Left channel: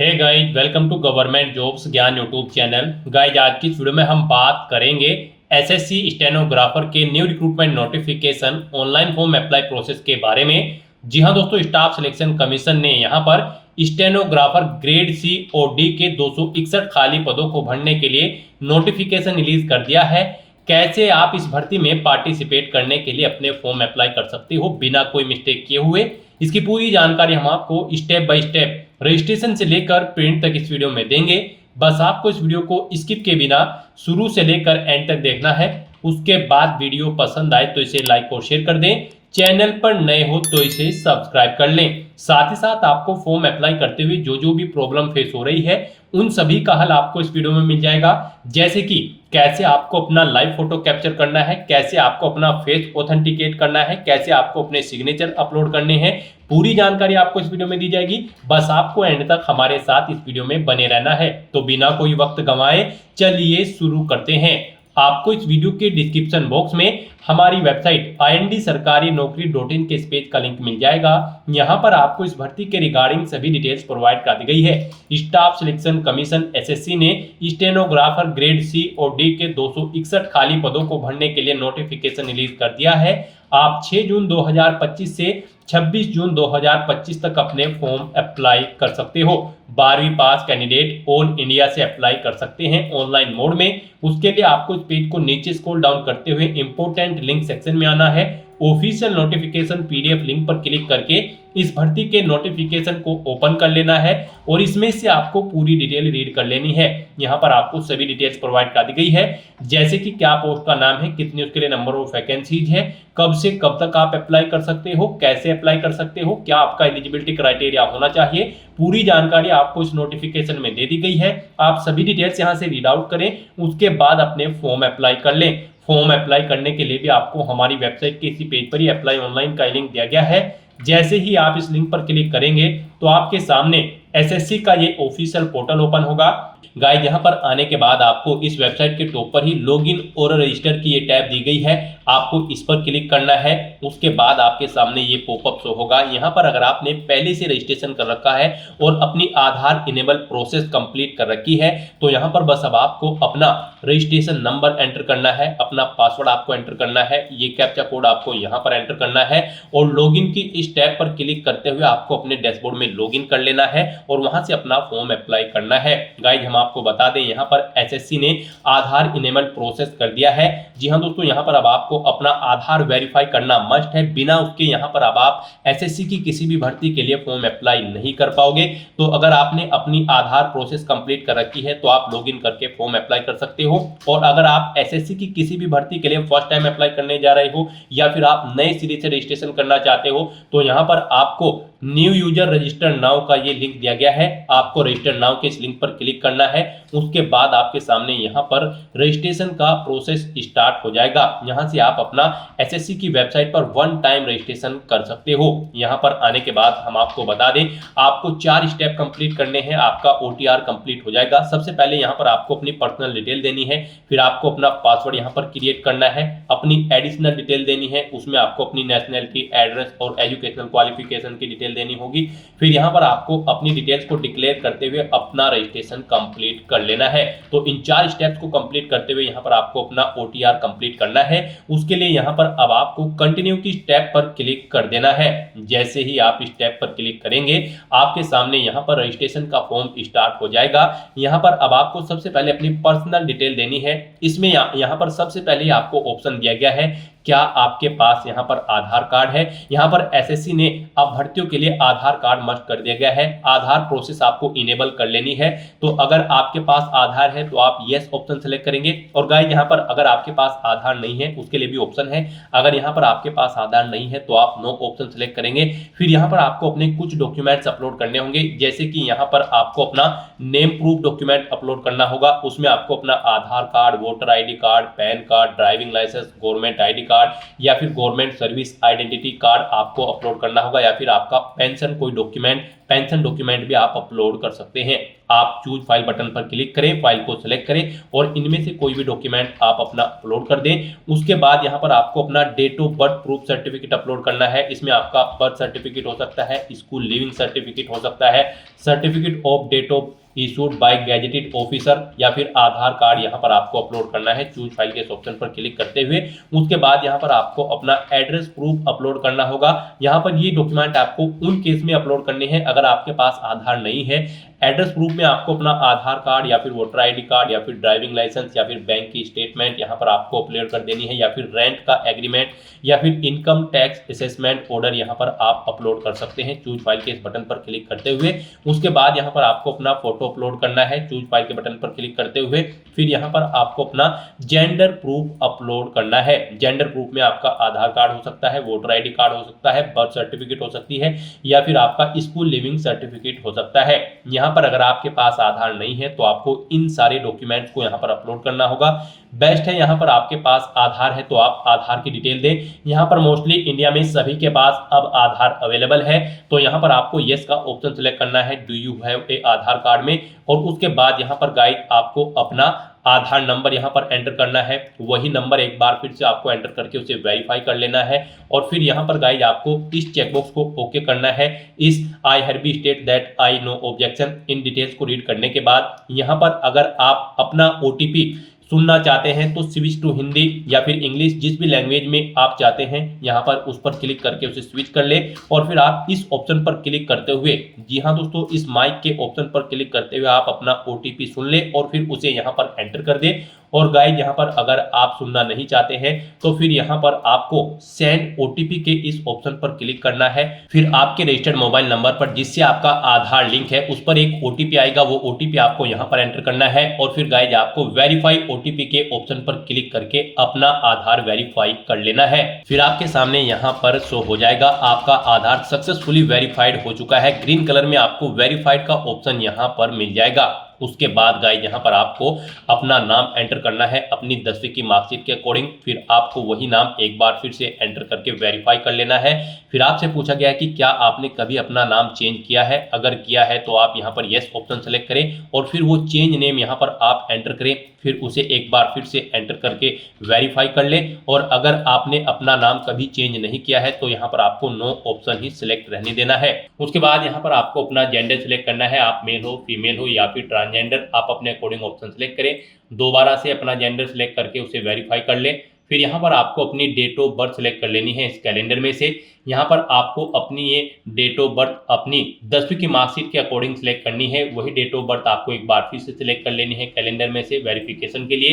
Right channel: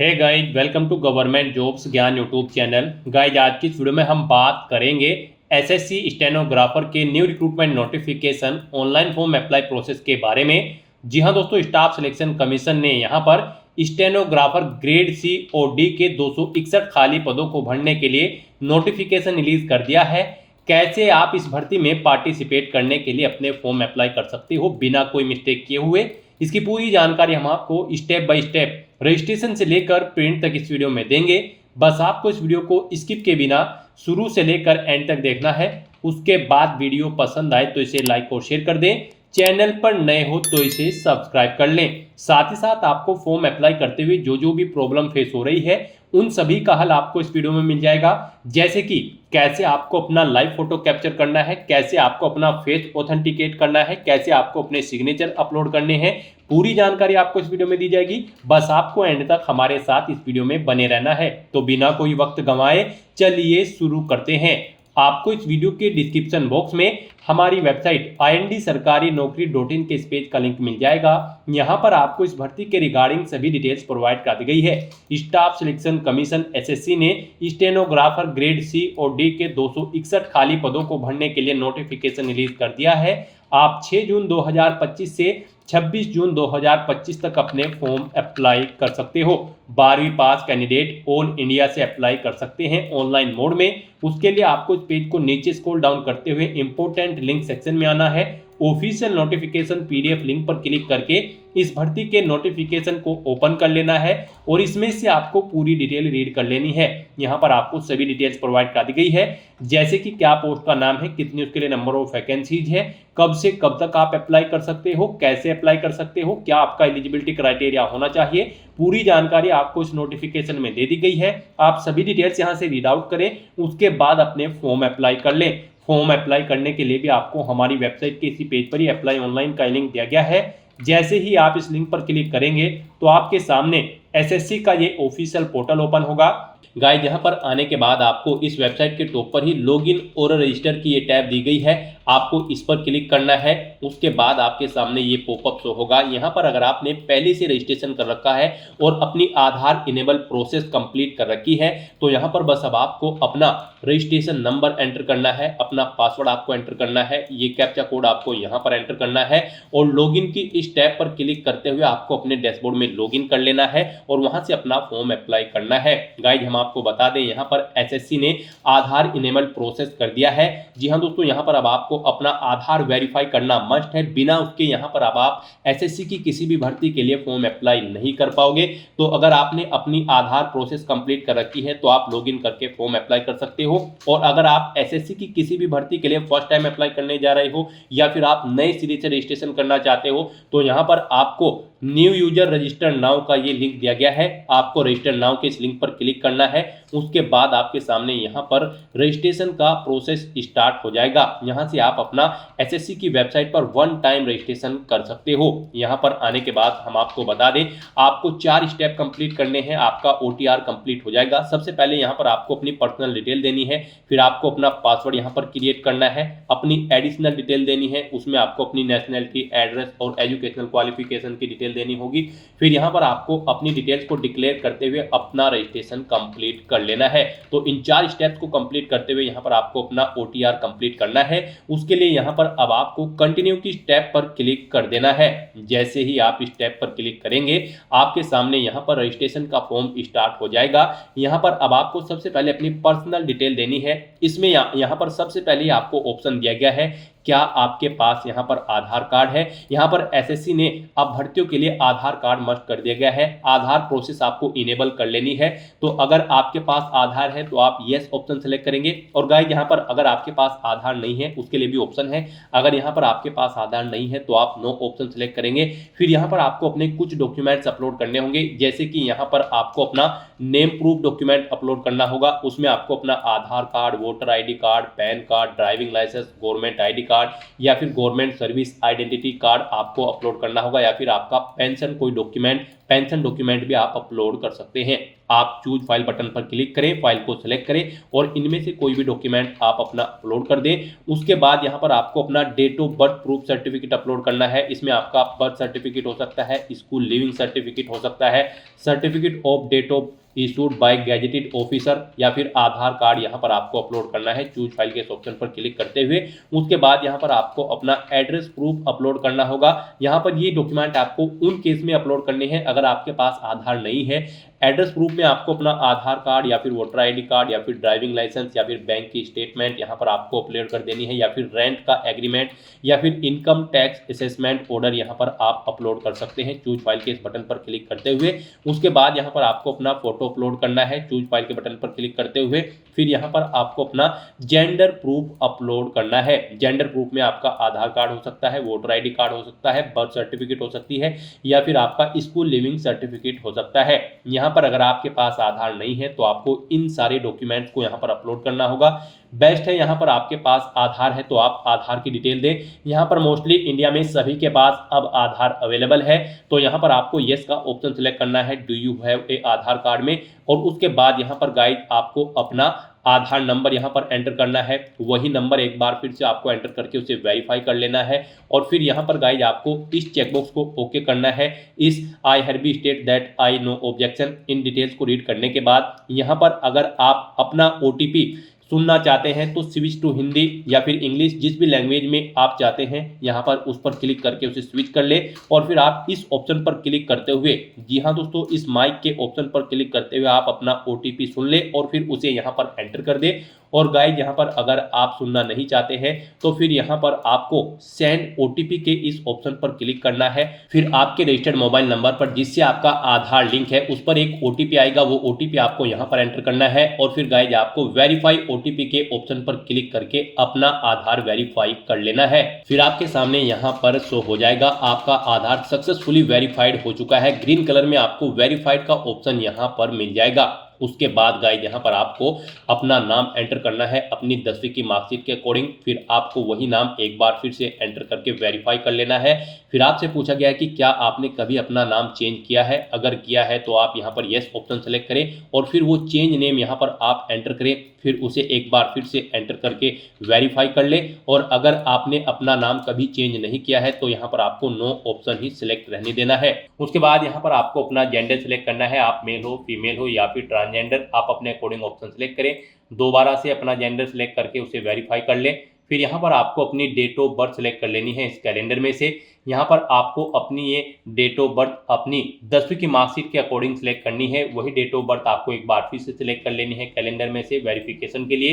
Hey guys, welcome to government jobs Gyan YouTube channel. Guys, आज की इस वीडियो में हम बात करेंगे एसएससी स्टेनोग्राफर के new recruitment notification online form apply process के बारे में। जी हाँ दोस्तों, स्टाफ सिलेक्शन कमीशन ने यहाँ पर स्टेनोग्राफर ग्रेड सी और डी के 261 खाली पदों को भरने के लिए नोटिफिकेशन रिलीज कर दिया है। कैसे आप इस भर्ती में पार्टिसिपेट करने के लिए अपने फॉर्म अप्लाई कर सकते हो बिना कोई मिस्टेक किए हुए, इसकी पूरी जानकारी हम आपको स्टेप बाय स्टेप रजिस्ट्रेशन से लेकर प्रिंट तक इस वीडियो में देंगे। बस आपको इस वीडियो को स्किप के बिना शुरू से लेकर एंड तक देखना है। उसके बाद वीडियो पसंद आए तो इसे लाइक और शेयर कर दें। चैनल पर नए हो तो इसे सब्सक्राइब कर लें। साथ ही साथ आपको फॉर्म अप्लाई करते हुए जो जो भी प्रॉब्लम फेस हो रही है उन सभी का हल आपको इस वीडियो में मिल जाएगा। जैसे कि कैसे आपको अपना लाइव फोटो कैप्चर करना है, कैसे आपको अपना फेस ऑथेंटिकेट करना है, कैसे आपको अपने सिग्नेचर अपलोड करने हैं, पूरी जानकारी आपको इस वीडियो में दी जाएगी। बस आपको एंड तक हमारे साथ इस वीडियो में बने रहना है। तो बिना कोई वक्त गंवाए चलिए शुरू करते हैं। आपको इस वीडियो के डिस्क्रिप्शन बॉक्स में हमारी वेबसाइट IND-sarkari-naukri.in के इस पेज का लिंक मिल जाएगा। यहाँ पर आपको इस भर्ती के रिगार्डिंग सभी डिटेल्स प्रोवाइड कर दी गई है। स्टाफ सिलेक्शन कमीशन एसएससी ने स्टेनोग्राफर ग्रेड सी और डी के 261 खाली पदों को भरने के लिए नोटिफिकेशन रिलीज कर दिया है। आप 6 जून 2025 से 26 जून 2025 तक अपने फॉर्म अप्लाई कर सकते हो। 12वीं पास कैंडिडेट ऑल इंडिया से अप्लाई कर सकते हैं ऑनलाइन मोड में। उसके लिए आपको इस पेज को नीचे स्क्रॉल डाउन करते हुए इंपोर्टेंट लिंक सेक्शन में आना है। ऑफिशियल नोटिफिकेशन पीडीएफ लिंक पर क्लिक करके इस भर्ती के नोटिफिकेशन को ओपन कर लेना है और इसमें से आपको पूरी डिटेल रीड कर लेनी है। यहाँ पर आपको सभी डिटेल्स प्रोवाइड कर दी गई है, जैसे कि क्या पोस्ट का नाम है, कितनी उसके लिए नंबर ऑफ वैकेंसीज है, कब से कब तक आप अप्लाई कर सकते हो, कैसे अप्लाई कर सकते हो, क्या आपका एलिजिबिलिटी क्राइटेरिया होना चाहिए। पूरी जानकारी आपको इस नोटिफिकेशन में दे दी गई है। आप सभी डिटेल्स यहाँ से रीड आउट करें, उसके बाद अपने फॉर्म अप्लाई कर लें। फॉर्म अप्लाई करने के लिए भी आपको हमारी वेबसाइट के इसी पेज पर ही अप्लाई ऑनलाइन का लिंक दिया गया है। जैसे ही आप इस लिंक पर क्लिक करेंगे तो आपके सामने एसएससी का ये ऑफिशियल पोर्टल ओपन होगा। गाइस, यहाँ पर आने के बाद आपको इस वेबसाइट के टॉप पर ही लॉगिन और रजिस्टर की ये टैब दी गई है। आपको इस पर क्लिक करना है। उसके बाद आपके सामने ये पॉपअप शो होगा। यहाँ पर अगर आपने पहले से रजिस्ट्रेशन कर रखा है और अपनी आधार इनेबल प्रोसेस कंप्लीट कर रखी है तो यहाँ पर बस अब आपको अपना रजिस्ट्रेशन नंबर एंटर करना है, अपना पासवर्ड आपको एंटर करना है, ये कैप्चा कोड आपको यहाँ पर एंटर करना है और लॉगिन की इस टैब पर क्लिक करते हुए आपको अपने डैशबोर्ड में लॉगिन कर लेना है और वहां से अपना फॉर्म अप्लाई करना है। गाइस, हम आपको बता दें यहाँ पर एसएससी ने आधार इनेबल प्रोसेस कर दिया है। जी हाँ दोस्तों, यहाँ पर अब आपको अपना आधार वेरीफाई करना मस्ट है। बिना उसके यहाँ पर अब आप एसएससी की किसी भी भर्ती के लिए फॉर्म अप्लाई नहीं कर पाओगे। तो अगर आपने अपनी आधार प्रोसेस कंप्लीट कर रखी है तो आप लॉगिन करके फॉर्म अप्लाई कर सकते हो। और अगर आप एसएससी की किसी भी भर्ती के लिए फर्स्ट टाइम अप्लाई करने जा रहे हो या फिर आप नए सिरे से रजिस्ट्रेशन करना चाहते हो तो यहाँ पर आपको न्यू यूजर रजिस्टर नाउ का ये लिंक दिया गया है। आपको रजिस्टर नाउ के इस लिंक पर क्लिक करना है। उसके बाद आपके सामने यहाँ पर रजिस्ट्रेशन का प्रोसेस स्टार्ट हो जाएगा। यहाँ से आप अपना एसएससी की वेबसाइट पर वन टाइम रजिस्ट्रेशन कर सकते हो। यहाँ पर आने के बाद हम आपको बता दें, आपको 4 स्टेप कंप्लीट करने हैं, आपका ओटीआर कंप्लीट हो जाएगा। सबसे पहले यहाँ पर आपको अपनी पर्सनल डिटेल देनी है, फिर आपको अपना पासवर्ड यहाँ पर क्रिएट करना है, अपनी एडिशनल डिटेल देनी है, उसमें आपको अपनी नेशनैलिटी, एड्रेस और एजुकेशनल क्वालिफिकेशन की डिटेल देनी होगी। फिर यहाँ पर आपको अपनी डिटेल्स को डिक्लेयर करते हुए अपना रजिस्ट्रेशन कंप्लीट कर लेना है। तो इन 4 स्टेप्स को कंप्लीट करते हुए यहाँ पर आपको अपना ओटीआर कंप्लीट करना है। उसके लिए यहाँ पर अब आपको कंटिन्यू की स्टेप पर क्लिक कर देना है। जैसे ही आप स्टेप पर क्लिक करेंगे आपके सामने यहाँ पर रजिस्ट्रेशन का फॉर्म स्टार्ट हो जाएगा। यहाँ पर अब आपको सबसे पहले अपनी पर्सनल डिटेल देनी है। इसमें यहाँ पर सबसे पहले आपको ऑप्शन दिया गया है, क्या आपके पास यहाँ पर आधार कार्ड है। यहाँ पर एसएससी ने अब भर्तियों के लिए आधार कार्ड मस्ट कर दिया गया है। आधार प्रोसेस आपको इनेबल कर लेनी है। तो अगर आपके पास आधार है तो आप यस ऑप्शन सेलेक्ट करेंगे। और गाइस, यहाँ पर अगर आपके पास आधार नहीं है उसके लिए भी ऑप्शन है। अगर यहाँ पर आपके पास आधार नहीं है तो आप नो ऑप्शन सेलेक्ट करेंगे। फिर यहाँ पर आपको अपने कुछ डॉक्यूमेंट्स अपलोड करने होंगे, जैसे कि यहाँ पर आपको अपना नेम प्रूफ डॉक्यूमेंट अपलोड करना होगा। उसमें आपको अपना Aadhaar card, voter ID card, PAN card, driving licence, government ID card या फिर गवर्नमेंट सर्विस आइडेंटिटी कार्ड आपको अपलोड करना होगा, या फिर आपका पेंशन कोई डॉक्यूमेंट, पेंशन डॉक्यूमेंट भी आप अपलोड कर सकते हैं। आप चूज फाइल बटन पर क्लिक करें, फाइल को सिलेक्ट करें और इनमें से कोई भी डॉक्यूमेंट आप अपना अपलोड कर दें। उसके बाद यहाँ पर आपको अपना date of birth proof certificate upload करना है। इसमें आपका बर्थ सर्टिफिकेट हो सकता है, स्कूल लिविंग सर्टिफिकेट हो सकता है, certificate of date of issued by gazetted officer, या फिर आधार कार्ड यहाँ पर आपको अपलोड करना है चूज फाइल के ऑप्शन पर क्लिक करते हुए। उसके बाद यहाँ पर आपको अपना एड्रेस प्रूफ अपलोड करना होगा। यहाँ पर ये डॉक्यूमेंट आपको उन केस में अपलोड करने हैं अगर आपके पास आधार नहीं है। एड्रेस प्रूफ में आपको अपना आधार कार्ड या फिर वोटर आईडी कार्ड या फिर ड्राइविंग लाइसेंस या फिर बैंक की स्टेटमेंट यहाँ पर आपको अपलोड कर देनी है, या फिर रेंट का एग्रीमेंट या फिर इनकम टैक्स असेसमेंट ऑर्डर यहाँ पर आप अपलोड कर सकते हैं चूज फाइल के इस बटन पर क्लिक करते हुए। उसके बाद यहाँ पर आपको अपना फोटो अपलोड करना है चूज फाइल के बटन पर क्लिक करते हुए। फिर यहाँ पर आपको अपना जेंडर प्रूफ अपलोड करना है। जेंडर प्रूफ में आपका आधार कार्ड हो सकता है, वोटर आईडी कार्ड हो सकता है, बर्थ सर्टिफिकेट हो सकती है, या फिर आपका स्कूल लिविंग सर्टिफिकेट हो सकता है। यहाँ पर अगर आपके पास आधार नहीं है तो आपको इन सारे डॉक्यूमेंट्स को यहाँ पर अपलोड करना होगा। बेस्ट है यहाँ पर आपके पास आधार है तो आप आधार की डिटेल दें। यहाँ पर मोस्टली इंडिया में सभी के पास अब आधार अवेलेबल है, तो यहाँ पर आपको यस का ऑप्शन सेलेक्ट करना है do you have a Aadhaar card में। और उसके बाद यहाँ पर गाइड आपको अपना आधार नंबर यहाँ पर एंटर करना है। वही नंबर एक बार फिर से आपको एंटर करके उसे वेरीफाई कर लेना है। और फिर यहाँ पर गाइज आपको इस चेकबॉक्स को ओके करना है। इस I have state that I know objection in details को रीड करने के बाद यहाँ पर अगर आप अपना ओटीपी सुनना चाहते हैं तो स्विच टू हिंदी या फिर इंग्लिश, जिस भी लैंग्वेज में आप चाहते हैं यहाँ पर उस पर क्लिक करके उसे स्विच कर ले। और फिर आप इस ऑप्शन पर क्लिक करते हुए, जी हाँ दोस्तों, इस माइक के ऑप्शन पर क्लिक करते हुए आप अपना ओटीपी सुन ले और फिर उसे यहाँ पर एंटर कर दे। और गाइज यहाँ पर अगर आप सुनना नहीं चाहते हैं तो फिर यहाँ पर आपको सेंड ओटीपी के इस ऑप्शन पर क्लिक करना है। फिर आपके रजिस्टर्ड मोबाइल नंबर पर जिससे आपका आधार लिंक है उस पर एक ओटीपी आएगा, वो ओटीपी आपको यहाँ पर एंटर करना है। और फिर गाइज आपको वेरीफाई ओटीपी के ऑप्शन पर क्लिक करके अपना आधार वेरीफाई कर लेना है। फिर आपके सामने यहाँ पर शो हो जाएगा आपका आधार सक्सेसफुली वेरीफाइड हो चुका है। ग्रीन कलर में आपको वेरीफाइड का ऑप्शन यहाँ पर मिल जाएगा। उसके बाद गाइज यहाँ पर आपको अपना नाम एंटर करना है अपनी 10वीं की मार्कशीट के अकॉर्डिंग। फिर आपको वही नाम एक बार फिर से एंटर करके वेरीफाई कर लेना है। फिर आपसे पूछा गया है कि क्या आपने कभी अपना नाम चेंज किया है। अगर किया है तो आप यहाँ पर यस ऑप्शन सेलेक्ट करें और फिर वो चेंज नेम यहाँ पर आप एंटर करें। फिर उसे एक बार फिर से एंटर करके वेरीफाई कर ले। और अगर आपने अपना नाम कभी चेंज नहीं किया है तो यहाँ पर आपको नो ऑप्शन ही सिलेक्ट रहने देना है। उसके बाद यहाँ पर आपको अपना जेंडर सिलेक्ट करना है, आप मेल हो, फीमेल हो या फिर ट्रांसजेंडर, आप अपने अकॉर्डिंग ऑप्शन सेलेक्ट करें। दोबारा से अपना जेंडर सेलेक्ट करके उसे वेरीफाई कर ले। फिर यहाँ पर आपको अपनी डेट ऑफ बर्थ सेलेक्ट कर लेनी है इस कैलेंडर में से। यहाँ पर आपको अपनी ये डेट ऑफ बर्थ अपनी 10वीं की मार्कशीट के अकॉर्डिंग सेलेक्ट करनी है। वही डेट ऑफ बर्थ आपको एक बार फिर से सिलेक्ट कर लेनी है कैलेंडर में से वेरिफिकेशन के लिए।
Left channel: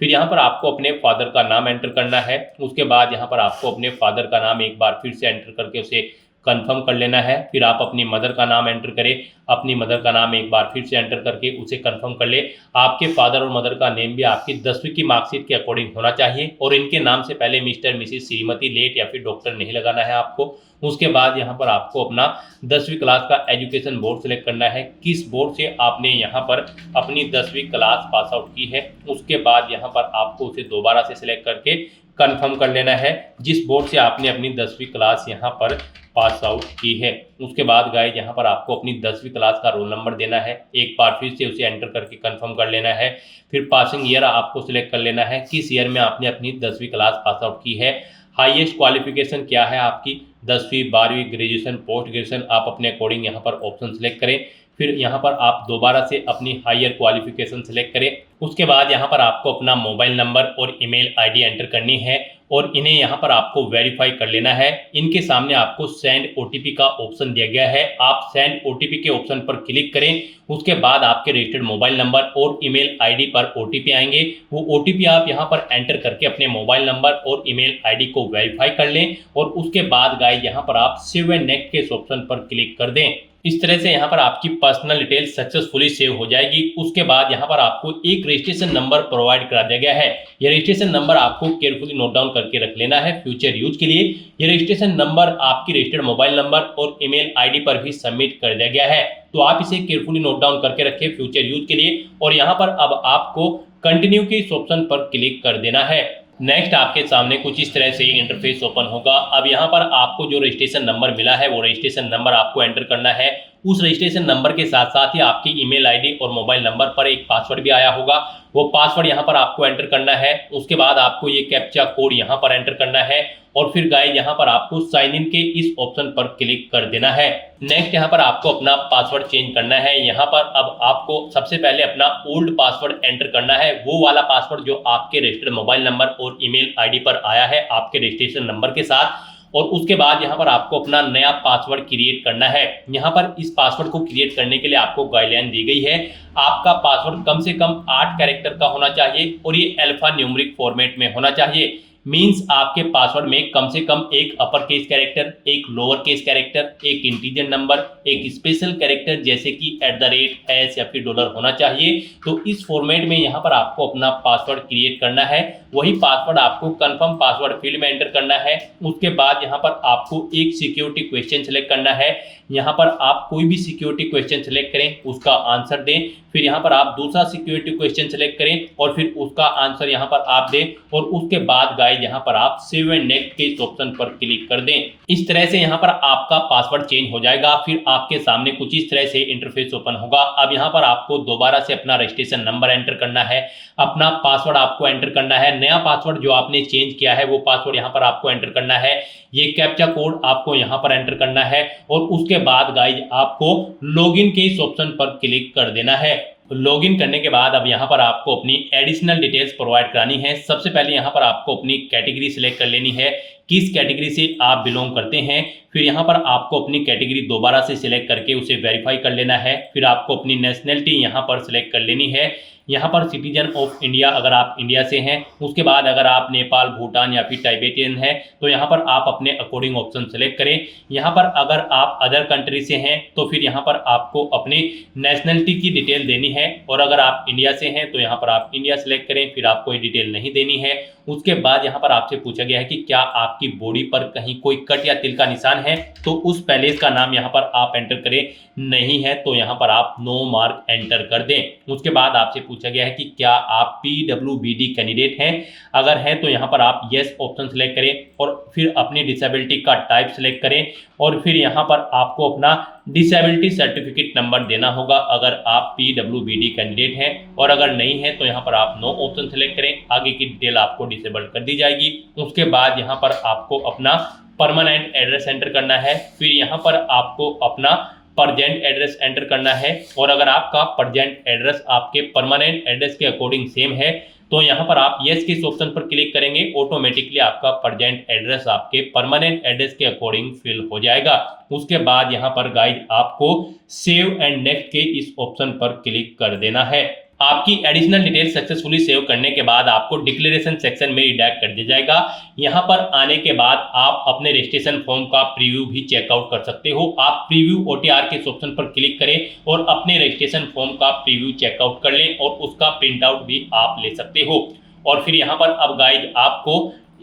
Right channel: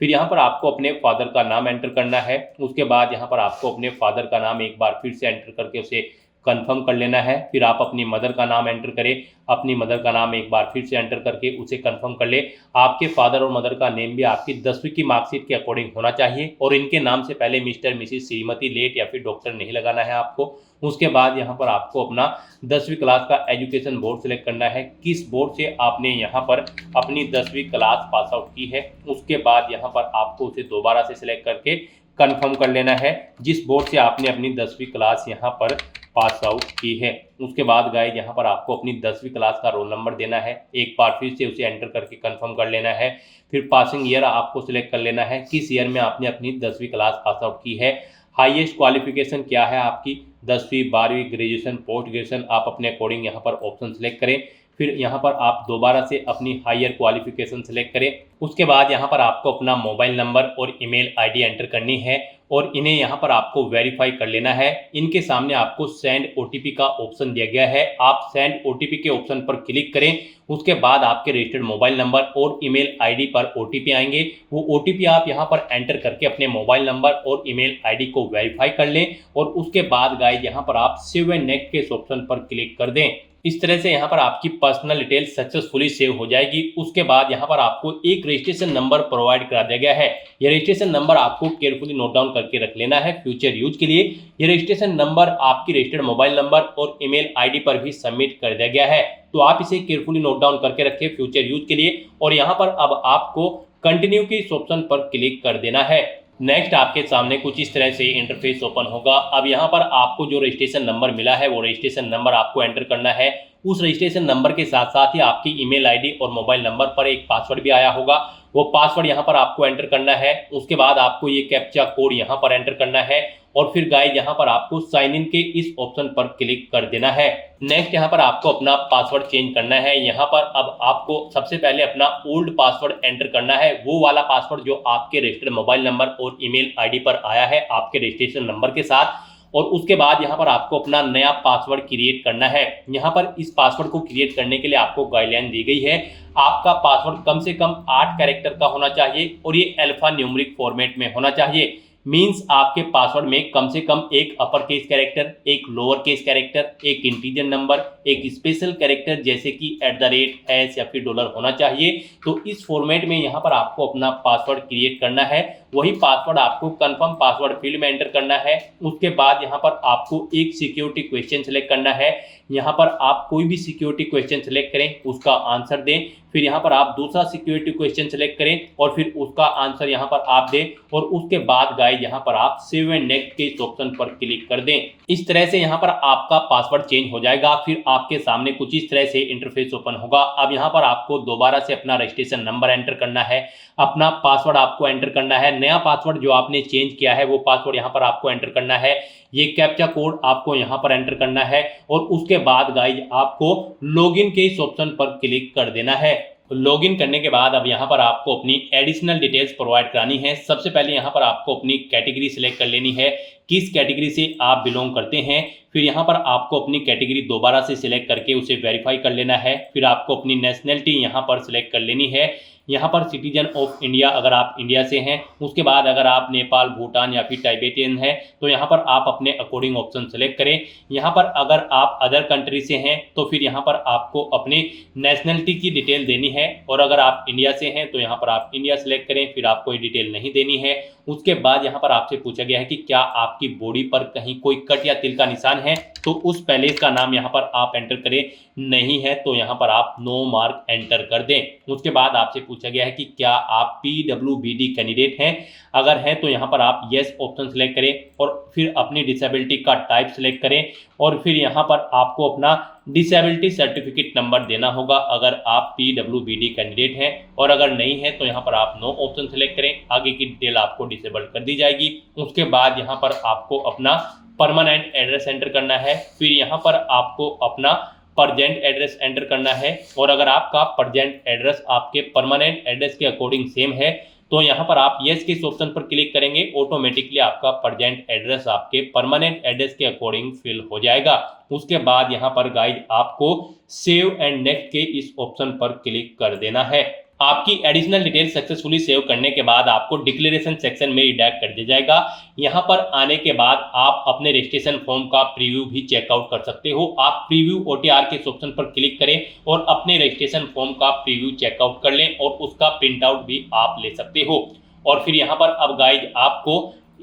फिर यहाँ पर आपको अपने फादर का नाम एंटर करना है। उसके बाद यहाँ पर आपको अपने फादर का नाम एक बार फिर से एंटर करके उसे कंफर्म कर लेना है। फिर आप अपनी मदर का नाम एंटर करें, अपनी मदर का नाम एक बार फिर से एंटर करके उसे कंफर्म कर ले। आपके फादर और मदर का नेम भी आपकी 10वीं की मार्कशीट के अकॉर्डिंग होना चाहिए और इनके नाम से पहले मिस्टर, मिसिस, श्रीमती, लेट या फिर डॉक्टर नहीं लगाना है आपको। उसके बाद यहाँ पर आपको अपना 10वीं क्लास का एजुकेशन बोर्ड सेलेक्ट करना है, किस बोर्ड से आपने यहाँ पर अपनी 10वीं क्लास पास आउट की है। उसके बाद यहाँ पर आपको उसे दोबारा से सिलेक्ट करके कंफर्म कर लेना है जिस बोर्ड से आपने अपनी 10वीं क्लास यहाँ पर पास आउट की है। उसके बाद गाइज यहाँ पर आपको अपनी 10वीं क्लास का रोल नंबर देना है, एक बार फिर से उसे एंटर करके कंफर्म कर लेना है। फिर पासिंग ईयर आपको सिलेक्ट कर लेना है, किस ईयर में आपने अपनी 10वीं क्लास पास आउट की है। हाईएस्ट क्वालिफिकेशन क्या है आपकी, 10वीं, 12वीं, ग्रेजुएशन, पोस्ट ग्रेजुएशन, आप अपने अकॉर्डिंग यहाँ पर ऑप्शन सेलेक्ट करें। फिर यहाँ पर आप दोबारा से अपनी हायर क्वालिफिकेशन सेलेक्ट करें। उसके बाद यहाँ पर आपको अपना मोबाइल नंबर और ईमेल आईडी एंटर करनी है और इन्हें यहाँ पर आपको वेरीफाई कर लेना है। इनके सामने आपको सेंड ओटीपी का ऑप्शन दिया गया है, आप सेंड ओटीपी के ऑप्शन पर क्लिक करें। उसके बाद आपके रजिस्टर्ड मोबाइल नंबर और ईमेल आईडी पर ओटीपी आएंगे, वो ओटीपी आप यहाँ पर एंटर करके अपने मोबाइल नंबर और ईमेल आईडी को वेरीफाई कर लें। और उसके बाद गाइस यहाँ पर आप सेव एंड नेक्स्ट के ऑप्शन पर क्लिक कर दें। इस तरह से यहाँ पर आपकी पर्सनल डिटेल सक्सेसफुली सेव हो जाएगी। उसके बाद यहाँ पर आपको एक रजिस्ट्रेशन नंबर प्रोवाइड करा दिया गया है। ये रजिस्ट्रेशन नंबर आपको केयरफुली नोट डाउन करके रख लेना है फ्यूचर यूज के लिए। ये रजिस्ट्रेशन नंबर आपकी रजिस्टर्ड मोबाइल नंबर और ईमेल आईडी पर भी सबमिट कर दिया गया है, तो आप इसे केयरफुली नोट डाउन करके रखें फ्यूचर यूज के लिए। और यहाँ पर अब आपको कंटिन्यू के इस ऑप्शन पर क्लिक कर देना है। नेक्स्ट आपके सामने कुछ इस तरह से इंटरफेस ओपन होगा। अब यहाँ पर आपको जो रजिस्ट्रेशन नंबर मिला है वो रजिस्ट्रेशन नंबर आपको एंटर करना है। उस रजिस्ट्रेशन नंबर के साथ साथ ही आपकी ईमेल आईडी और मोबाइल नंबर पर एक पासवर्ड भी आया होगा, वो पासवर्ड यहाँ पर आपको एंटर करना है। उसके बाद आपको ये कैप्चा कोड यहाँ पर एंटर करना है और फिर गाइस यहाँ पर आपको साइन इन के इस ऑप्शन पर क्लिक कर देना है। नेक्स्ट यहाँ पर आपको अपना पासवर्ड चेंज करना है। यहाँ पर अब आपको सबसे पहले अपना ओल्ड पासवर्ड एंटर करना है, वो वाला पासवर्ड जो आपके रजिस्टर्ड मोबाइल नंबर और ईमेल आईडी पर आया है आपके रजिस्ट्रेशन नंबर के साथ। और उसके बाद यहाँ पर आपको अपना नया पासवर्ड क्रिएट करना है। यहाँ पर इस पासवर्ड को क्रिएट करने के लिए आपको गाइडलाइन दी गई है। आपका पासवर्ड कम से कम 8 कैरेक्टर का होना चाहिए और ये अल्फा न्यूमेरिक फॉर्मेट में होना चाहिए। मींस आपके पासवर्ड में कम से कम एक अपर केस कैरेक्टर, एक लोअर केस कैरेक्टर, एक इंटीजर नंबर, एक स्पेशल कैरेक्टर जैसे कि @ या फिर डॉलर होना चाहिए। तो इस फॉर्मेट में यहाँ पर आपको अपना पासवर्ड क्रिएट करना है। वही पासवर्ड आपको कंफर्म पासवर्ड फील्ड में एंटर करना है। उसके बाद यहाँ पर आपको एक सिक्योरिटी क्वेश्चन सेलेक्ट करना है। यहाँ पर आप कोई भी सिक्योरिटी क्वेश्चन सेलेक्ट करें, उसका आंसर दें। फिर यहाँ पर आप दूसरा सिक्योरिटी क्वेश्चन सेलेक्ट करें और फिर उसका आंसर यहाँ पर आप दें। और उसके बाद गाइस यहाँ पर आप सेव एंड नेक्स्ट के इस ऑप्शन पर क्लिक कर दें। इस तरह से यहाँ पर आपका पासवर्ड चेंज हो जाएगा। फिर आपके सामने कुछ इस तरह से इंटरफेस ओपन होगा। अब यहाँ पर आपको दोबारा से अपना रजिस्ट्रेशन नंबर एंटर करना है, अपना पासवर्ड आपको एंटर करना है। नया पासवर्ड जो आपने चेंज किया है वो पासवर्ड यहाँ पर आपको एंटर करना है। ये कैप्चा कोड आपको यहाँ पर एंटर करना है और उसके बाद गाइज आपको लॉगिन के इस ऑप्शन पर क्लिक कर देना है। लॉगिन करने के बाद अब यहाँ पर आपको अपनी एडिशनल डिटेल्स प्रोवाइड करानी है। सबसे पहले यहाँ पर आपको अपनी कैटेगरी सिलेक्ट कर लेनी है, किस कैटेगरी से आप बिलोंग करते हैं। फिर यहाँ पर आपको अपनी कैटेगरी दोबारा से सिलेक्ट करके उसे वेरीफाई कर लेना है। फिर आपको अपनी नेशनलिटी यहाँ पर सिलेक्ट कर लेनी है। यहाँ पर सिटीजन ऑफ इंडिया अगर आप इंडिया से हैं। उसके बाद अगर आप नेपाल, भूटान या फिर टाइबेटियन हैं तो यहाँ पर आप अपने अकॉर्डिंग ऑप्शन सेलेक्ट करें। यहाँ पर अगर आप अदर कंट्री से हैं तो फिर यहाँ पर आपको अपने नेशनलिटी की डिटेल देनी है। और अगर आप इंडिया से हैं तो यहाँ पर आप इंडिया सेलेक्ट करें, फिर आपको ये डिटेल नहीं देनी है। उसके बाद यहाँ पर आपसे पूछा गया है कि क्या आपकी बॉडी पर कहीं कोई कट या तिल का निशान है, तो उस पैलेस का नाम यहाँ पर आप एंटर करें। नहीं है तो यहाँ पर आप नो मार्क एंटर कर दें। उसके बाद आपसे पूछा गया है कि क्या आप PWBD कैंडिडेट हैं, अगर हैं तो यहाँ पर आप येस ऑप्शन सेलेक्ट करें और फिर अपनी डिसेबिलिटी का टाइप सेलेक्ट करें और फिर यहाँ पर आपको अपना डिसेबिलिटी सर्टिफिकेट नंबर देना होगा अगर आप PWBD कैंडिडेट हैं। और अगर नहीं है तो यहाँ पर आप नो ऑप्शन सेलेक्ट करें, आगे की डिटेल आपको डिसेबल कर दी जाएगी। उसके बाद यहाँ पर आपको अपना परमानेंट एड्रेस एंटर करना है। फिर यहाँ पर आपको अपना परजेंट एड्रेस एंटर करना है और अगर आपका परजेंट एड्रेस आपके परमानेंट एड्रेस के अकॉर्डिंग सेम है तो यहाँ पर आप येस के इस ऑप्शन पर क्लिक करेंगे, ऑटोमेटिकली आपका परजेंट एड्रेस आपके परमानेंट एड्रेस के अकॉर्डिंग फिल हो जाएगा। उसके बाद यहाँ पर गाइड आपको सेव एंड नेक्स्ट के इस ऑप्शन पर क्लिक कर देना है। आपकी एडिशनल डिटेल सक्सेसफुली सेव करने के बाद आपको डिक्लेरेशन सेक्शन में रिडायरेक्ट कर दिया जाएगा। यहाँ पर आने के बाद आप अपने रजिस्ट्रेशन फॉर्म का प्रीव्यू भी चेकआउट कर सकते हो। आप प्रीव्यू OTR के ऑप्शन पर क्लिक करें और अपने रजिस्ट्रेशन फॉर्म का प्रीव्यू चेकआउट कर लें और उसका प्रिंट आउट भी आप ले सकते हो। और फिर यहाँ पर अब गाइड आपको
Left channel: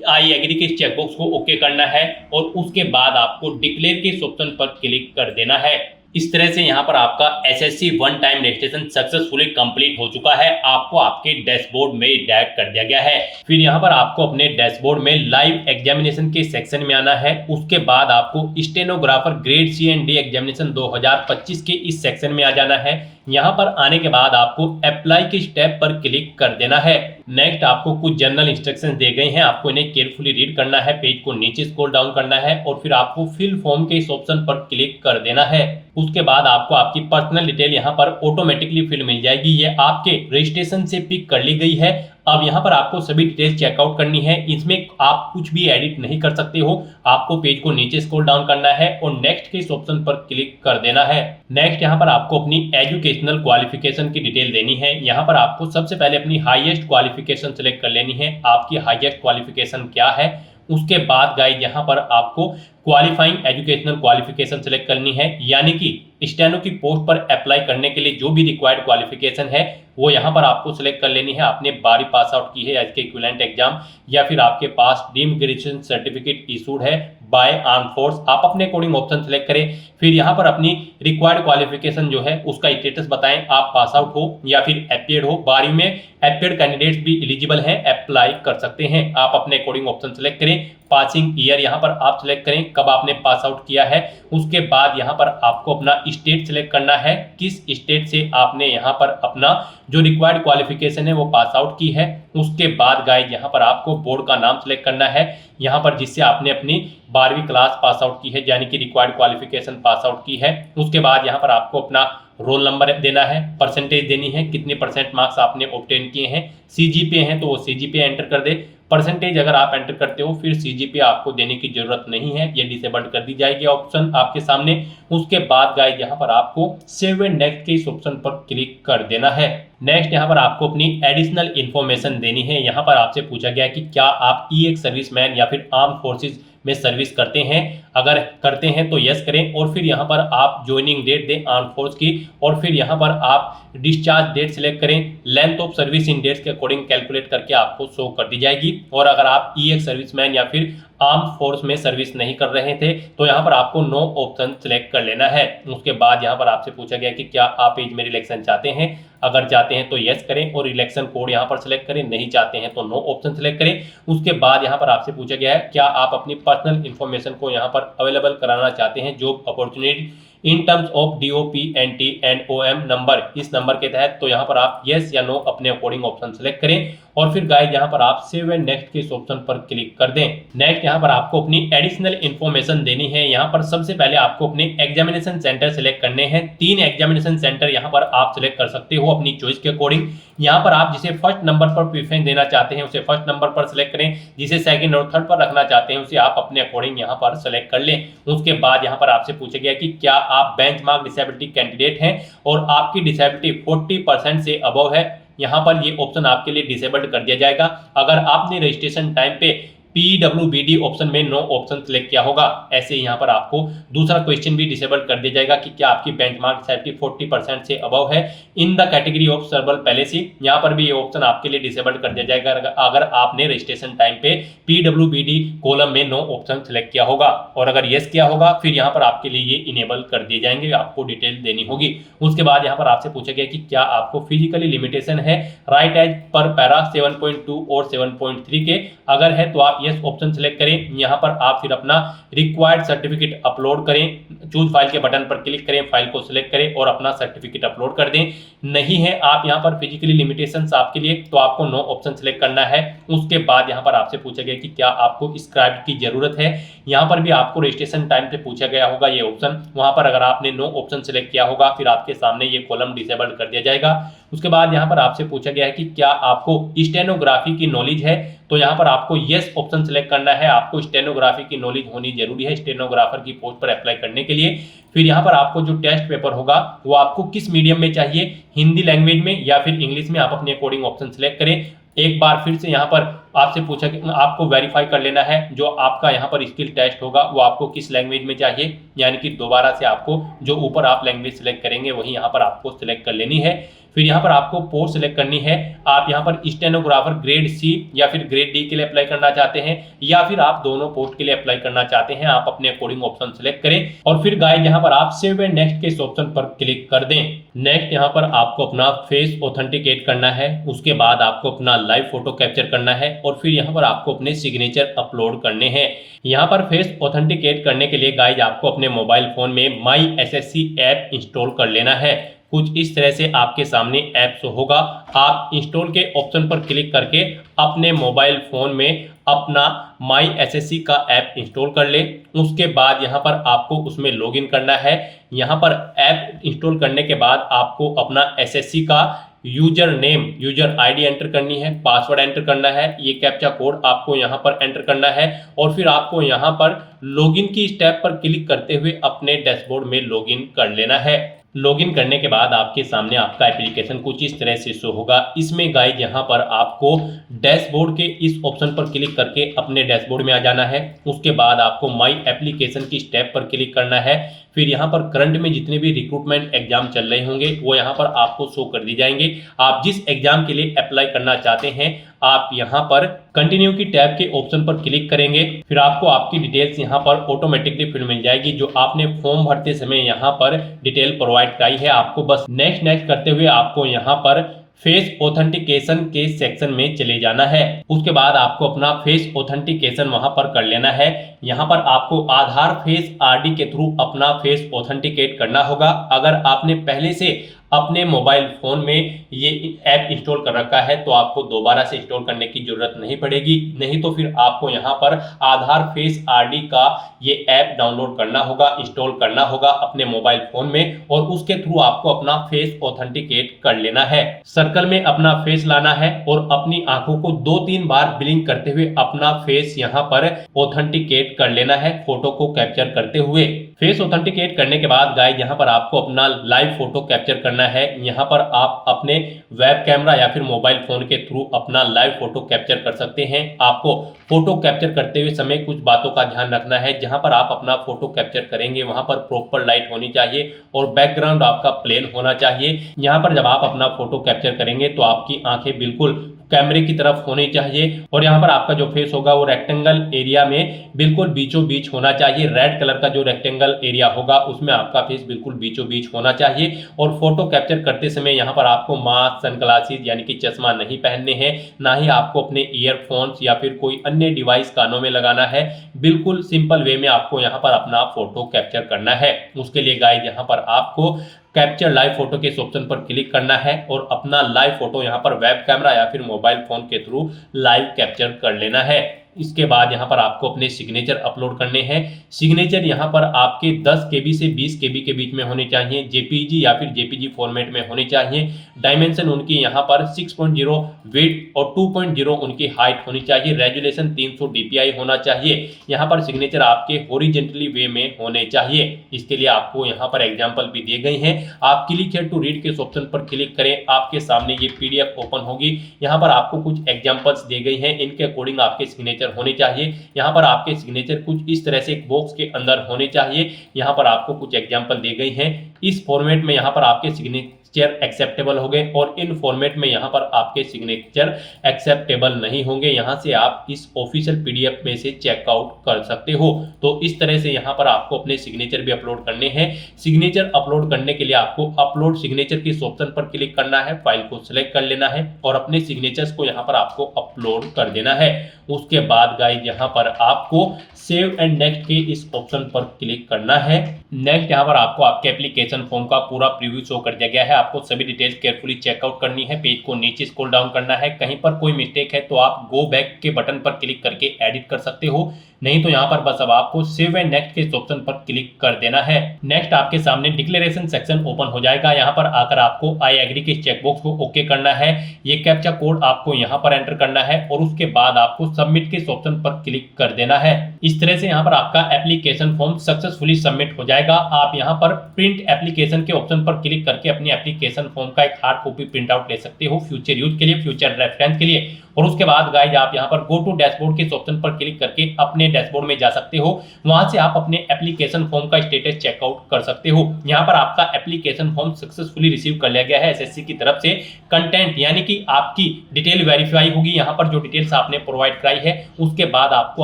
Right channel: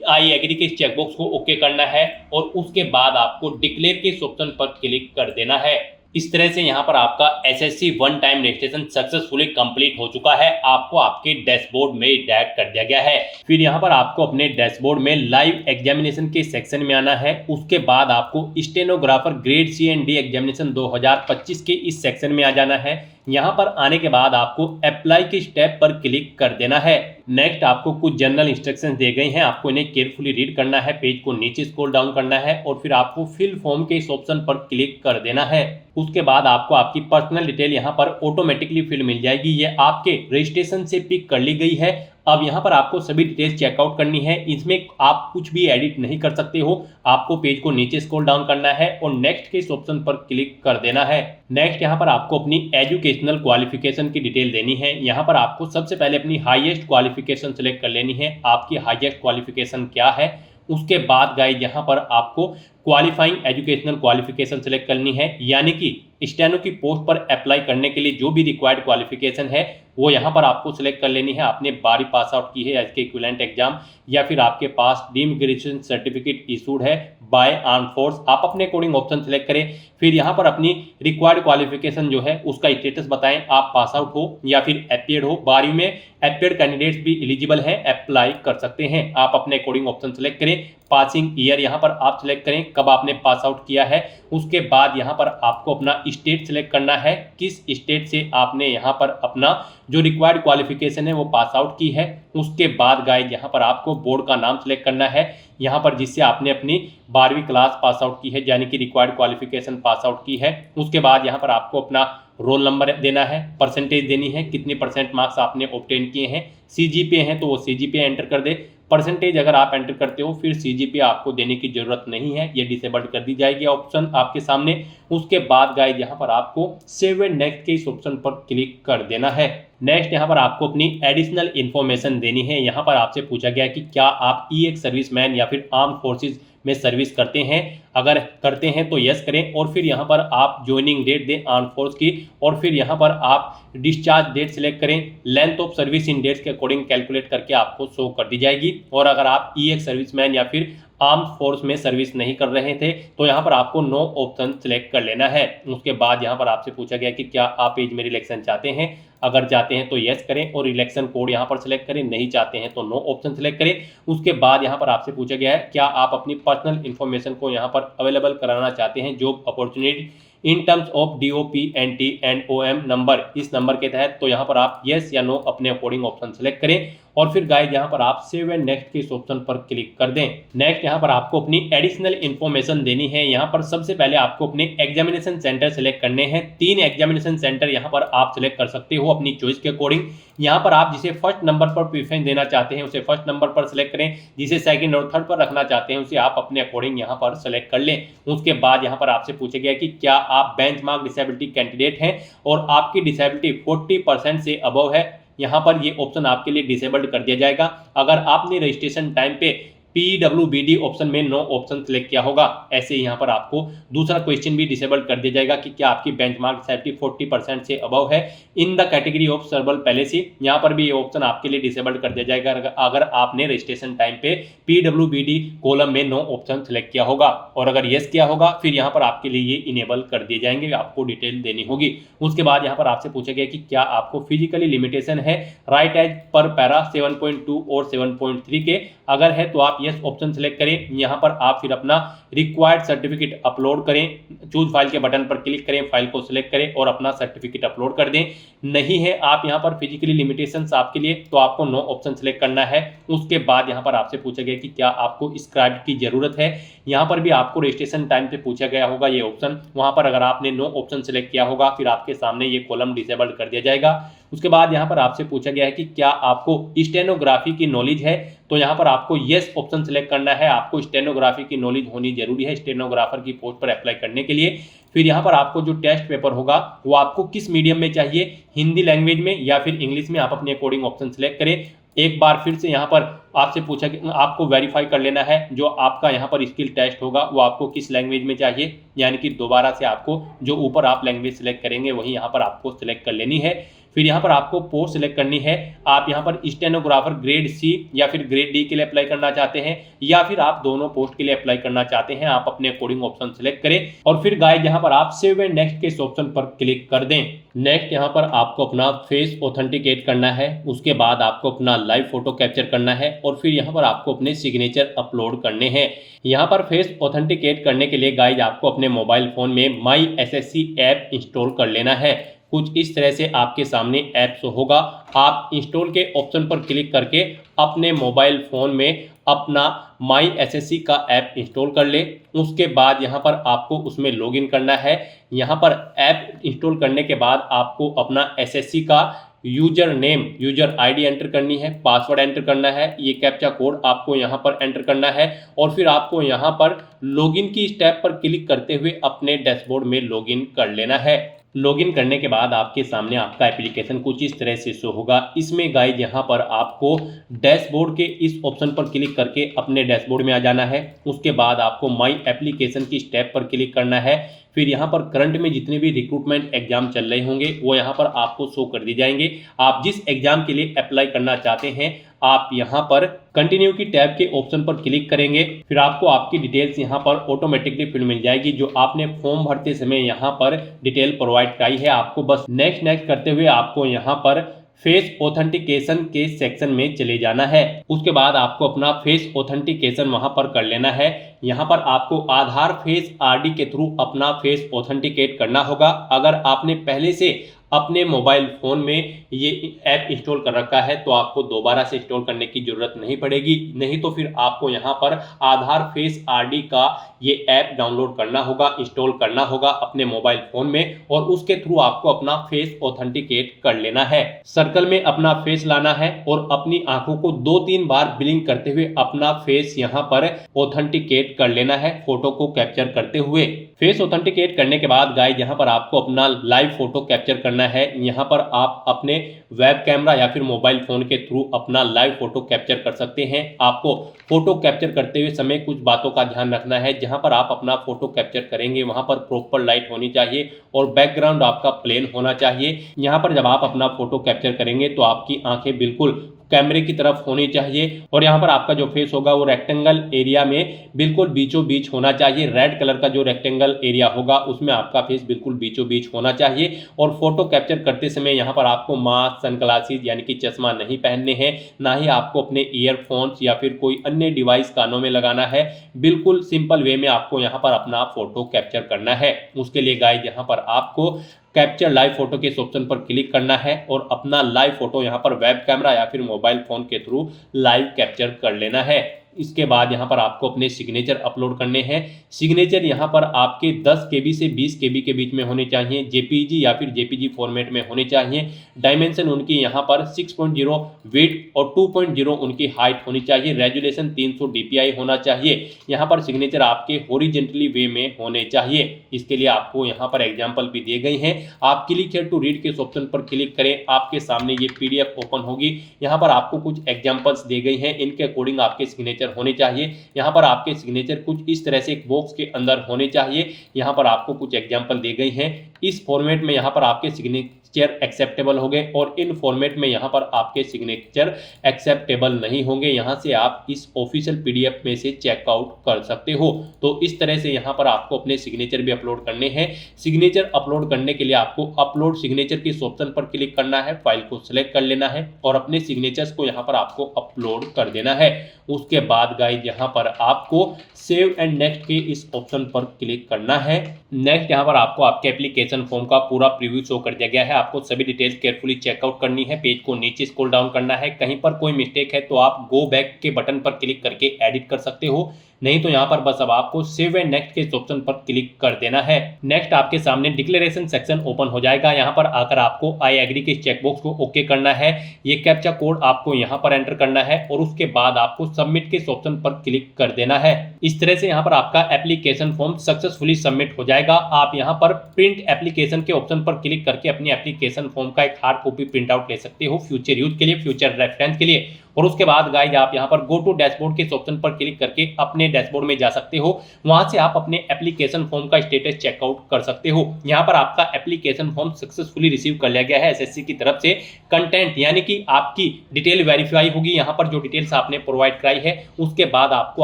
आई एग्री के चेकबॉक्स को ओके करना है और उसके बाद आपको डिक्लेयर के ऑप्शन पर क्लिक कर देना है। इस तरह से यहाँ पर आपका SSC one time registration successfully complete हो चुका है। आपको आपके डैशबोर्ड में डायरेक्ट कर दिया गया है। फिर यहाँ पर आपको अपने डैशबोर्ड में लाइव एग्जामिनेशन के सेक्शन में आना है। उसके बाद आपको stenographer grade C and D examination 2025 के इस सेक्शन में आ जाना है। यहाँ पर आने के बाद आपको अप्लाई के स्टेप पर क्लिक कर देना है। नेक्स्ट आपको कुछ जनरल इंस्ट्रक्शंस दिए गए हैं, आपको इन्हें केयरफुली रीड करना है, पेज को नीचे स्क्रॉल डाउन करना है और फिर आपको फिल फॉर्म के इस ऑप्शन पर क्लिक कर देना है। उसके बाद आपको आपकी पर्सनल डिटेल यहाँ पर ऑटोमेटिकली फिल मिल जाएगी। ये आपके रजिस्ट्रेशन से पिक कर ली गई है। अब यहाँ पर आपको सभी डिटेल्स चेकआउट करनी है। इसमें आप कुछ भी एडिट नहीं कर सकते हो। आपको पेज को नीचे स्क्रॉल डाउन करना है और नेक्स्ट के इस ऑप्शन पर क्लिक कर देना है। नेक्स्ट यहाँ पर आपको अपनी एजुकेशनल क्वालिफिकेशन की डिटेल देनी है। यहाँ पर आपको सबसे पहले अपनी हाईएस्ट क्वालिफिकेशन सेलेक्ट कर लेनी है। आपकी हाईएस्ट क्वालिफिकेशन क्या है, उसके बाद गाइस यहाँ पर आपको क्वालिफाइंग एजुकेशनल क्वालिफिकेशन सेलेक्ट करनी है, यानी कि स्टेनो की पोस्ट पर अप्लाई करने के लिए जो भी रिक्वायर्ड क्वालिफिकेशन है वो यहाँ पर आपको सिलेक्ट कर लेनी है। आपने 12वीं पास आउट की है या इसके इक्विवेलेंट एग्जाम, या फिर आपके पास डीम्ड ग्रेजुएशन सर्टिफिकेट इशूड है बाय आर्म फोर्स, आप अपने अकॉर्डिंग ऑप्शन सेलेक्ट करें। फिर यहाँ पर अपनी रिक्वायर्ड क्वालिफिकेशन जो है उसका स्टेटस बताएं, आप पास आउट हो या फिर अपियर्ड हो। 12वीं में अपियर्ड कैंडिडेट्स भी एलिजिबल हैं, अप्लाई कर सकते हैं। आप अपने अकॉर्डिंग ऑप्शन सेलेक्ट करें। पासिंग ईयर यहाँ पर आप सिलेक्ट करें, कब आपने पास आउट किया है। उसके बाद यहाँ पर आपको अपना स्टेट सिलेक्ट करना है, किस स्टेट से आपने यहाँ पर अपना जो रिक्वायर्ड क्वालिफिकेशन है वो पास आउट की है। उसके बाद गाइस यहाँ पर आपको बोर्ड का नाम सिलेक्ट करना है, यहाँ पर जिससे आपने अपनी 12वीं क्लास पास आउट की है, यानी कि रिक्वायर्ड क्वालिफिकेशन पास आउट की है। उसके बाद यहाँ पर आपको अपना रोल नंबर देना है, परसेंटेज देनी है, कितने परसेंट मार्क्स आपने ऑब्टेन किए हैं। सीजीपीए है तो वो सीजीपीए एंटर कर दे। परसेंटेज अगर आप एंटर करते हो फिर सीजीपीए आपको देने की जरूरत नहीं है, ये डिसेबल्ड कर दी जाएगी ऑप्शन आपके सामने। उसके बाद गाइस यहाँ पर आपको सेव एंड नेक्स्ट के इस ऑप्शन पर क्लिक कर देना है। नेक्स्ट यहाँ पर आपको अपनी एडिशनल इन्फॉर्मेशन देनी है। यहाँ पर आपसे पूछा गया कि क्या आप एक सर्विसमैन या फिर आर्म फोर्सेज में सर्विस करते हैं, अगर करते हैं तो यस करें, और फिर यहाँ पर आप ज्वाइनिंग डेट दें आर्म फोर्स की, और फिर यहाँ पर आप डिस्चार्ज डेट सिलेक्ट करें। Length of service in dates के अकॉर्डिंग कैलकुलेट करके आपको शो कर दी जाएगी। और अगर आप एक सर्विसमैन या फिर आर्म फोर्स में सर्विस नहीं कर रहे थे तो यहाँ पर आपको नो ऑप्शन सिलेक्ट कर लेना है। उसके बाद यहाँ पर आपसे पूछा गया कि क्या आप एज में रिलैक्सेशन चाहते हैं, अगर चाहते हैं तो यस करें और रिलैक्सेशन कोड यहाँ पर सिलेक्ट करें, नहीं चाहते हैं तो नो ऑप्शन सिलेक्ट करें। उसके बाद यहाँ पर आपसे पूछा गया है क्या आप अपनी पर्सनल इन्फॉर्मेशन को यहाँ पर अवेलेबल कराना चाहते हैं job opportunity in terms of DOPNT and OM number, इस नंबर के तहत, तो यहाँ पर आप यस या नो अपने अकॉर्डिंग ऑप्शन सेलेक्ट करें। और फिर गाइस यहाँ पर आप सेव एंड नेक्स्ट के इस ऑप्शन पर क्लिक कर दें। नेक्स्ट यहाँ पर आपको अपनी एडिशनल इन्फॉर्मेशन देनी है। यहाँ पर सबसे पहले आपको अपने एग्जामिनेशन सेंटर सेलेक्ट करने हैं। 3 एग्जामिनेशन सेंटर यहाँ पर आप सिलेक्ट कर सकते हो अपनी चॉइस के अकॉर्डिंग। यहाँ पर आप जिसे फर्स्ट नंबर पर प्रीफरेंस देना चाहते हैं उसे फर्स्ट नंबर पर सिलेक्ट करें, जिसे सेकंड और थर्ड पर रखना चाहते हैं उसे आप अपने अकॉर्डिंग यहाँ पर सेलेक्ट कर लें। उसके बाद यहाँ पर आपसे पूछा गया कि क्या आप बेंचमार्क डिसेबिलिटी कैंडिडेट हैं और आपकी डिसेबिलिटी 40% से अबव है, यहाँ पर ये ऑप्शन आपके लिए डिसेबल्ड कर दिया जाएगा। अगर आपने रजिस्ट्रेशन टाइम पे PWBD ऑप्शन में नो ऑप्शन सिलेक्ट किया होगा, ऐसे यहाँ पर आपको दूसरा क्वेश्चन भी डिसेबल कर दिया जाएगा कि क्या आपकी बेंचमार्क डिसेबिलिटी 40% से अबव है इन द कैटेगरी ऑफ सर्बल पैलेसी, यहाँ पर भी ये ऑप्शन आपके लिए डिसेबल कर दिया जाएगा अगर आपने रजिस्ट्रेशन टाइम पे PWBD कॉलम में नो ऑप्शन सिलेक्ट किया होगा। और अगर येस किया होगा फिर यहाँ पर आपके लिए ये इनेबल कर दिए जाएंगे, आपको डिटेल देनी होगी। उसके बाद यहाँ पर आपसे पूछा गया कि क्या आपको फिजिकली लिमिटेशन है राइट एज पर पैरा 7.2 और 7.3 के, अगर है तो आप यस ऑप्शन सेलेक्ट करें। यहाँ पर आप फिर अपना रिक्वायर्ड सर्टिफिकेट अपलोड करें, चूज फाइल के बटन पर क्लिक करें, फाइल को सिलेक्ट करें और अपना सर्टिफिकेट अपलोड कर दें। नहीं है आप यहाँ पर फिजिकली लिमिटेशंस आपके लिए तो आपको नो ऑप्शन सेलेक्ट करना है। उसके बाद यहाँ पर आपसे पूछा गया कि क्या आपको स्क्राइब की जरूरत है, यहाँ पर भी आपको रजिस्ट्रेशन टाइम पे पूछा गया होगा ये ऑप्शन, वहां पर अगर आपने नो ऑप्शन सेलेक्ट किया होगा फिर आपके सामने ये कॉलम डिसेबल्ड कर दिया जाएगा। उसके बाद यहाँ पर आपसे पूछा गया है कि क्या आपको स्टेनोग्राफी की नॉलेज है, तो यहाँ पर आपको यस ऑप्शन सेलेक्ट करना है। आपको स्टेनोग्राफी की नॉलेज होनी जरूरी है स्टेनोग्राफर की पोस्ट पर अप्लाई करने के लिए। फिर यहाँ पर आपको जो टेस्ट पेपर होगा वो आपको किस मीडियम में चाहिए, हिंदी लैंग्वेज में या फिर इंग्लिश में, आप अपने अकॉर्डिंग ऑप्शन सेलेक्ट करें। एक बार फिर से यहाँ पर आपसे पूछा कि आपको वेरीफाई कर लेना है जो आपका यहाँ पर स्किल टेस्ट होगा वो आपको किस लैंग्वेज में चाहिए, यानी कि दोबारा से आपको जो ऊपर आप लैंग्वेज सेलेक्ट करेंगे वही यहाँ पर आपको सिलेक्ट कर लेनी है। फिर यहाँ पर आपको पोस्ट सिलेक्ट करनी है, आप यहाँ पर स्टेनोग्राफर ग्रेड C या फिर ग्रेड D के लिए अप्लाई करना चाहते हैं या फिर आप दोनों पोस्ट के लिए अप्लाई करना चाहते हैं, आप अपने अकॉर्डिंग ऑप्शन सिलेक्ट करें। और फिर गाइस यहाँ पर आप सेव एंड नेक्स्ट के इस ऑप्शन पर क्लिक कर दें। नेक्स्ट यहाँ पर आपको अपना फेस ऑथेंटिकेट करना है, उसके बाद आपको अपना लाइव फोटो कैप्चर करना है और फिर यहाँ पर आपको अपने सिग्नेचर अपलोड करने हैं। यहाँ पर फेस ऑथेंटिकेट करने के लिए गाइस आपको अपने मोबाइल फोन में माई SSC ऐप इंस्टॉल कर लेना है। कुछ इस तरह से आपके सामने ऐप शो होगा, आप इंस्टॉल के ऑप्शन पर क्लिक करके अपने मोबाइल फोन में अपना माई SSC का ऐप इंस्टॉल कर ले। उसके बाद यहाँ पर आपको उसमें लॉगिन करना है। यहाँ पर ऐप इंस्टॉल करने के बाद आपको अपना SSC का user name, user ID enter करनी है, पासवर्ड एंटर करना है, ये कैप्चा कोड आपको यहाँ पर एंटर करना है और फिर आपको यहाँ पर लॉगिन की स्टेप पर क्लिक करते हुए अपने डैशबोर्ड में लॉगिन कर लेना है। लॉगिन करने के बाद आपके सामने आपका एप्लीकेशन कुछ इस तरह से शो होगा। इसमें गाइज यहाँ पर आपको डैशबोर्ड के इस ऑप्शन पर क्लिक करके अपने डैशबोर्ड में आ जाना है। उसके बाद आपको माई एप्लीकेशन की स्टेप पर क्लिक करना है। फिर यहाँ पर करंट में जितने भी रिक्रूटमेंट एग्जाम चल रहे होंगे वो यहाँ पर आपको शो कर दी जाएंगे। आप जिस एग्जाम के लिए अप्लाई करना चाहते हैं आप यहाँ पर कंटिन्यू की टैब के ऑप्शन पर क्लिक करेंगे। फिर आपको आपकी डिटेल्स यहाँ पर ऑटोमेटिकली फिल मिल जाएगी जो आपने फॉर्म भरते समय यहाँ पर डिटेल प्रोवाइड कराई है। आपको बस नेक्स्ट नेक्स्ट करते हुए आपको यहाँ पर फेस ऑथेंटिकेशन के सेक्शन में चले जाना है। उसके बाद आपको अपना फेस ऑथेंटिकेशन वहां पर कर लेना है। यहाँ पर आपको आधार फेस आरडी के थ्रू अपना फेस ऑथेंटिकेट करना होगा। अगर आपने पहले से अपने मोबाइल फोन में ये ऐप इंस्टॉल कर रखा है तो आपको दोबारा से इंस्टॉल करने की जरूरत नहीं पड़ेगी, नहीं तो फिर आपको यहाँ पर आधार फेस आरडी का ये ऐप डाउनलोड करना होगा, इंस्टॉल करना होगा अपने मोबाइल फोन में और उसके थ्रू आपको अपना फेस ऑथेंटिकेट कर लेना है। सर्कल में अपना फेस लाना है और अपनी आंखों को 2-3 बार ब्लिंक करते हुए अपना फेस यहाँ पर ऑथेंटिकेट कर लेना है फोटो को कैप्चर करते हुए। फेस ऑथेंटिकेट करने के बाद गाइस यहाँ पर आपको अपना लाइव फोटो कैप्चर करना है। यहाँ पर आप अपने वेब कैमरा या फिर मोबाइल फोन के थ्रू अपना लाइव फोटो कैप्चर कर सकते हैं। आपको फोटो कैप्चर करते हुए समय कुछ बातों का ध्यान रखना है। जहां पर आप अपना फोटो कैप्चर करेंगे वहां पर प्रॉपर लाइट होनी चाहिए और बैकग्राउंड आपका प्लेन होना चाहिए। यहाँ पर जब आप अपना फोटो कैप्चर करेंगे तो आपकी आंखें बिल्कुल कैमरे की तरफ होनी चाहिए और यहाँ पर आपका जो फेस होगा वो रेक्टेंगल एरिया में बिल्कुल बीचों बीच होना चाहिए। रेड कलर का जो रेक्टेंगल एरिया होगा उसमें आपका फेस बिल्कुल बीचों बीच होना चाहिए। और फोटो कैप्चर करते समय यहाँ पर आपको मास्क, सनग्लासेस यानी कि चश्मा नहीं पहनने हैं, ना ही आपको अपने ईयरफोन्स या फिर कोई अन्य डिवाइस कानों में लगाना है। बिल्कुल सिंपल वे में आपको यहाँ पर अपना फोटो कैप्चर करना है। उसके लिए गाइस यहाँ पर आपको कैप्चर लाइव फोटो के इस ऑप्शन पर क्लिक करना है और अपना लाइव फोटो यहाँ पर वेब कैमरा या फिर मोबाइल फोन के थ्रू लाइव कैप्चर कर लेना है। इसके बाद यहाँ पर आपको अपने सिग्नेचर अपलोड करने हैं। सिग्नेचर यहाँ पर आपके 10 KB से 20 KB के बीच में होने चाहिए, जेपीजी या फिर जेपीजी फॉर्मेट में होने चाहिए। डायमेंशन उनकी यहाँ पर 6.0 वेट और 2.0 उनकी हाइट होनी चाहिए। रेजुलेशन 300 DPI होना चाहिए। यहाँ पर सिग्नेचर आपके हॉरिजॉन्टली वे में होने चाहिए। इसके लिए आपको यहाँ पर एग्जाम्पल भी दिए गए हैं। आप क्लिक हियर टू रीड के ऑप्शन पर क्लिक करें, आपके सामने ये PDF ओपन होगी। यहाँ पर आपको कुछ एग्जाम्पल्स दिए गए हैं, इनके अकॉर्डिंग आपके सिग्नेचर होने चाहिए। यहाँ पर आपके सिग्नेचर कुछ इस तरह से एक बॉक्स के अंदर होने चाहिए। यहाँ पर आपको कुछ एग्जांपल दिए गए हैं। इस फॉर्मेट में यहाँ पर आपके सिग्नेचर एक्सेप्टेबल हो गए और इन फॉर्मेट में यहाँ पर आपके सिग्नेचर एक्सेप्टेबल नहीं होंगे। यहाँ से आप इस ऑफिशियल PDF में से चेकआउट कर सकते हो। तो इस तरह से यहाँ पर आपको अपने सिग्नेचर भी अपलोड करने हैं। सिग्नेचर अपलोड करने के लिए आपको अपलोड सिग्नेचर के ऑप्शन पर क्लिक करना है, फाइल को सिलेक्ट कर लेना है और अपने सिग्नेचर्स को यहाँ पर आपको अपलोड कर देना है। उसके बाद गाइस यहाँ पर आपको सेव एंड नेक्स्ट के इस ऑप्शन पर क्लिक करना है। नेक्स्ट यहाँ पर आपको आपके एप्लीकेशन फॉर्म का पूरा प्रीव्यू शो कर दिया गया है। आपको सभी डिटेल्स केयरफुली चेकआउट करनी है। पेज को नीचे स्क्रॉल डाउन करना है। कहीं पर कोई मिस्टेक है तो आप गो बैक के बटन पर क्लिक करके एडिट कर सकते हो, नहीं तो यहाँ पर बस अब आपको सेव एंड नेक्स्ट के ऑप्शन पर क्लिक कर देना है। नेक्स्ट आपके सामने डिक्लेरेशन सेक्शन ओपन हो जाएगा। यहाँ पर आकर आपको आई एग्री के चेकबॉक्स को ओके करना है। ये कैप्चा कोड आपको यहाँ पर एंटर करना है और उसके बाद आपको सबमिट के ऑप्शन पर क्लिक कर देना है। इस तरह से यहाँ पर आपका एप्लीकेशन फॉर्म सक्सेसफुली सबमिट हो जाएगा। आप यहाँ पर प्रिंट एप्लीकेशन के ऑप्शन पर क्लिक करके अपनी एप्लीकेशन फॉर्म का एक हार्ड कॉपी प्रिंट आउट ले सकते हो फ्यूचर यूज के लिए, फ्यूचर रेफरेंस के लिए। और उसके बाद गाइस आप यहाँ पर गो टू डैशबोर्ड के ऑप्शन पर क्लिक करके अपने डैशबोर्ड में जा सकते हो। वहां से आप अपने एप्लीकेशन फॉर्म का स्टेटस चेकआउट कर सकते हो। यहाँ पर आपका एप्लीकेशन फॉर्म सक्सेसफुली रिसीव कर लिया गया है एसएससी की तरफ से। कंटेंट यानी कि आपकी डिटेल वेरीफाई होगी। यहाँ पर जो डिटेल्स आपने प्रोवाइड कराई है उसके बाद आपको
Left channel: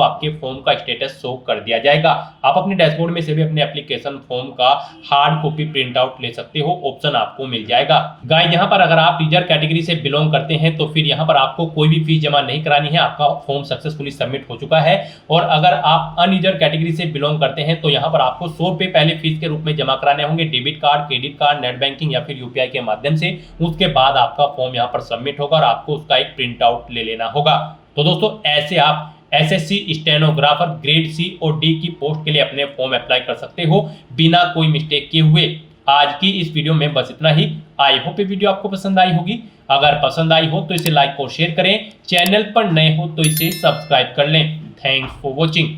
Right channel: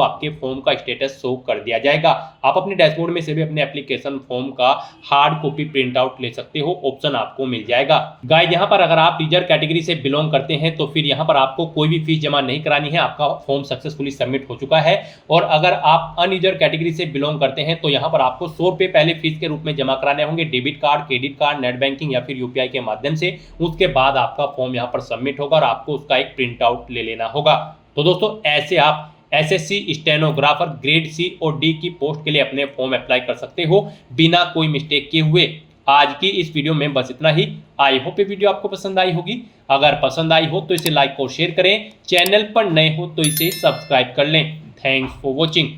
आपके फॉर्म का स्टेटस शो कर दिया जाएगा। आप अपने डैशबोर्ड में से भी अपने एप्लीकेशन फॉर्म का हार्ड कॉपी प्रिंट आउट ले सकते हो, ऑप्शन आपको मिल जाएगा। गाइस यहाँ पर अगर आप रिजर्व कैटेगरी से बिलोंग करते हैं तो फिर यहाँ पर आपको कोई भी फीस जमा नहीं करानी है, आपका फॉर्म सक्सेसफुली सबमिट हो चुका है। और अगर आप अनरिजर्व कैटेगरी से बिलोंग करते हैं तो यहाँ पर आपको 100 रुपए पहले फीस के रूप में जमा कराने होंगे, debit card, credit card, net banking या फिर यूपीआई के माध्यम से। उसके बाद आपका फॉर्म यहाँ पर सबमिट होगा और आपको उसका एक प्रिंट आउट ले लेना होगा। तो दोस्तों ऐसे आप एसएससी स्टेनोग्राफर ग्रेड C और D की पोस्ट के लिए अपने फॉर्म अप्लाई कर सकते हो बिना कोई मिस्टेक किए हुए। आज की इस वीडियो में बस इतना ही। आई होप ये वीडियो आपको पसंद आई होगी। अगर पसंद आई हो तो इसे लाइक और शेयर करें। चैनल पर नए हो तो इसे सब्सक्राइब कर लें। Thanks for watching.